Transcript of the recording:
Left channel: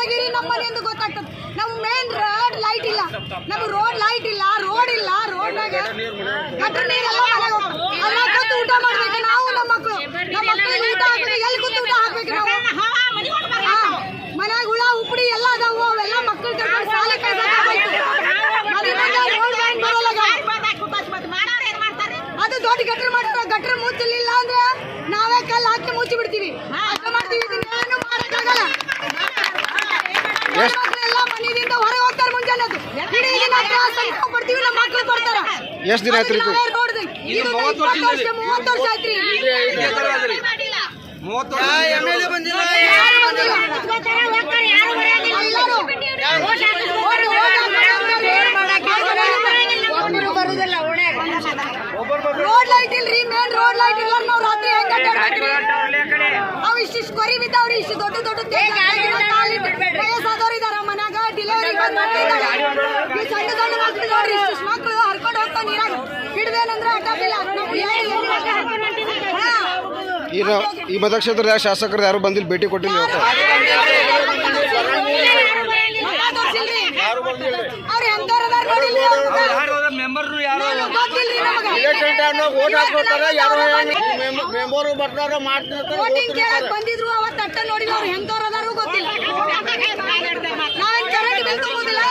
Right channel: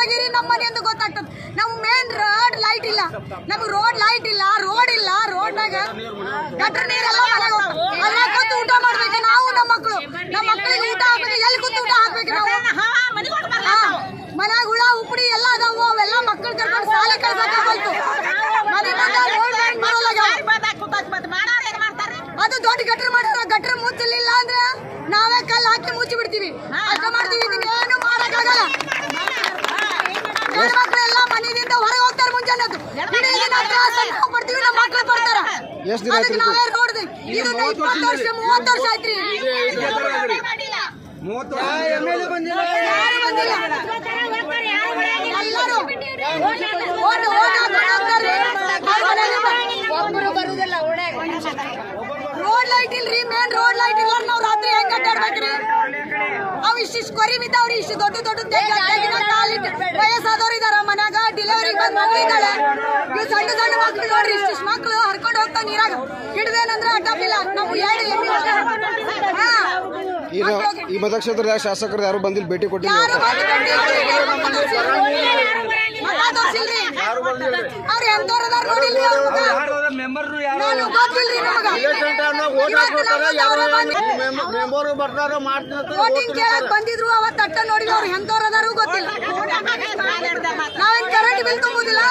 ತೆಗೀರಿ ನಮ್ಮ ಮನೆ ಅಂತ ಗೊತ್ತಾಗ್ತದೆ. ನಾವು ಮೇನ್ ರೋಡ್ ಲೈಟ್ ಇಲ್ಲ, ನಮ್ಗೆ ರೋಡ್ ಲೈಟ್ ಇಲ್ಲ, ರೋಡ್ ಇಲ್ಲ, ರೋಡ್ನಾಗ ಗಟ್ರ ನೀರೆಲ್ಲ ಅದ್ರಾಗ ಕೂತು ಊಟ ಮಾಡ್ಬೇಕು ನಾವು. ನಮ್ಮ ಮಕ್ಕಳಿಗೆ ಊಟ ಹಾಕ್ಬೇಕು, ಎಲ್ಲಿ ಕೂತು ಊಟ ಹಾಕ್ಬೇಕು ನಾವು? ಮನ್ಯಾಗ ಹುಳ ಉಪ್ಪಡಿ ಎಲ್ಲ ಅದಾವು, ಅವೆಲ್ಲ ಮಕ್ಕಳು ಕರ್ಕೊಂಡು ಶಾಲೆ ಕಳ್ಸೋದು. ಅದು ದೊಡ್ಡ ಗಟ್ರ ಮಾಡಿದ್ರೆ ಗಟ್ರ ಮುಚ್ಚಲಿಲ್ಲ ಅಂದ್ರೆ ನಾವೇ ಕಲ್ಲು ಹಾಕಿ ಮುಚ್ಚಿ ಬಿಡ್ತೀವಿ, ಅಷ್ಟ ಮಾಡ್ತೀವಿ. ಇದನ್ನೇನು ಮಾಡಕ್ಕಾಗಲ್ಲ. ಮಕ್ಕಳೆಲ್ಲ ಮನೆಯಿಂದ ಹೊರಗೆ ಹೋಗ್ತಾರೆ ಮುಂಜಾನೆ. ಪಡ್ತೀವಿ, ನಮ್ಮ ಮಕ್ಕಳು ಬರ್ತಾರ. ಎಷ್ಟು ದಿನ ಆಯ್ತು ರೋಡ್ ಇದು 20 ವರ್ಷ 30 ವರ್ಷ ಆಯ್ತ್ರಿ. ರೋಡ್ ಲೈಟ್ ಇಲ್ರಿ, ಮೇನ್ ರೋಡ್ ಲೈಟ್ ಇಲ್ಲ. ನಾವು ರಾತ್ರಿ ಹೆಂಗ್ ಅಡ್ಡಾಡ್ಬೇಕ್ರಿ? ಅವ್ ಇಷ್ಟಿಷ್ಟು ಕೊರಿ ಬಿದ್ದಾವ್ರಿ, ಇಷ್ಟು ದೊಡ್ಡ ವಯಸ್ಸಾದವ್ರು ಇದಾರ ಮನ್ಯಾಗ, ಡೆಲಿವರಿ ಬಂದ್ ಮಕ್ಳು ಇದ್ದಾಳೆ. ಈ ಸಣ್ಣ ಸಣ್ಣ ಮಕ್ಳು ನೋಡ್ರಿ, ಇಷ್ಟಿಷ್ಟು ಮಕ್ಳು ಹರ್ಕೊಂಡು ಹೋಗ್ತಾವ ನೀರಾಗ. ಹಿಡ್ದೇನಂದ್ರೆ ಅಡ್ಡಾಪಿಲ್ಲ. ನಾವು ಹೇಳಿ ಈ ಮತಕ್ಷೇತ್ರದ ಶಾಸಕರು ಯಾರು ಬಂದಿಲ್ಲ, ಭೇಟಿ ಕೊಟ್ಟಿಲ್ಲ. ಅವ್ರು ಎಂತವ್ರದಾರ ನೋಡಿಲ್ಲ, ವೋಟಿಂಗ್ ಕೇಳಕ್ ಬಂದಿದ್ರು, ಅವತ್ತು ಅಟ್ಟ ನೋಡಿಲ್ಲ. ಅವ್ರು ಎಂತವ್ರದಾರು ಗೊತ್ತಿಲ್ಲ. ನಾವೇನ್ ಕರೆಂಟ್ ಬಿಲ್ ತುಂಬುದಿಲ್ಲ,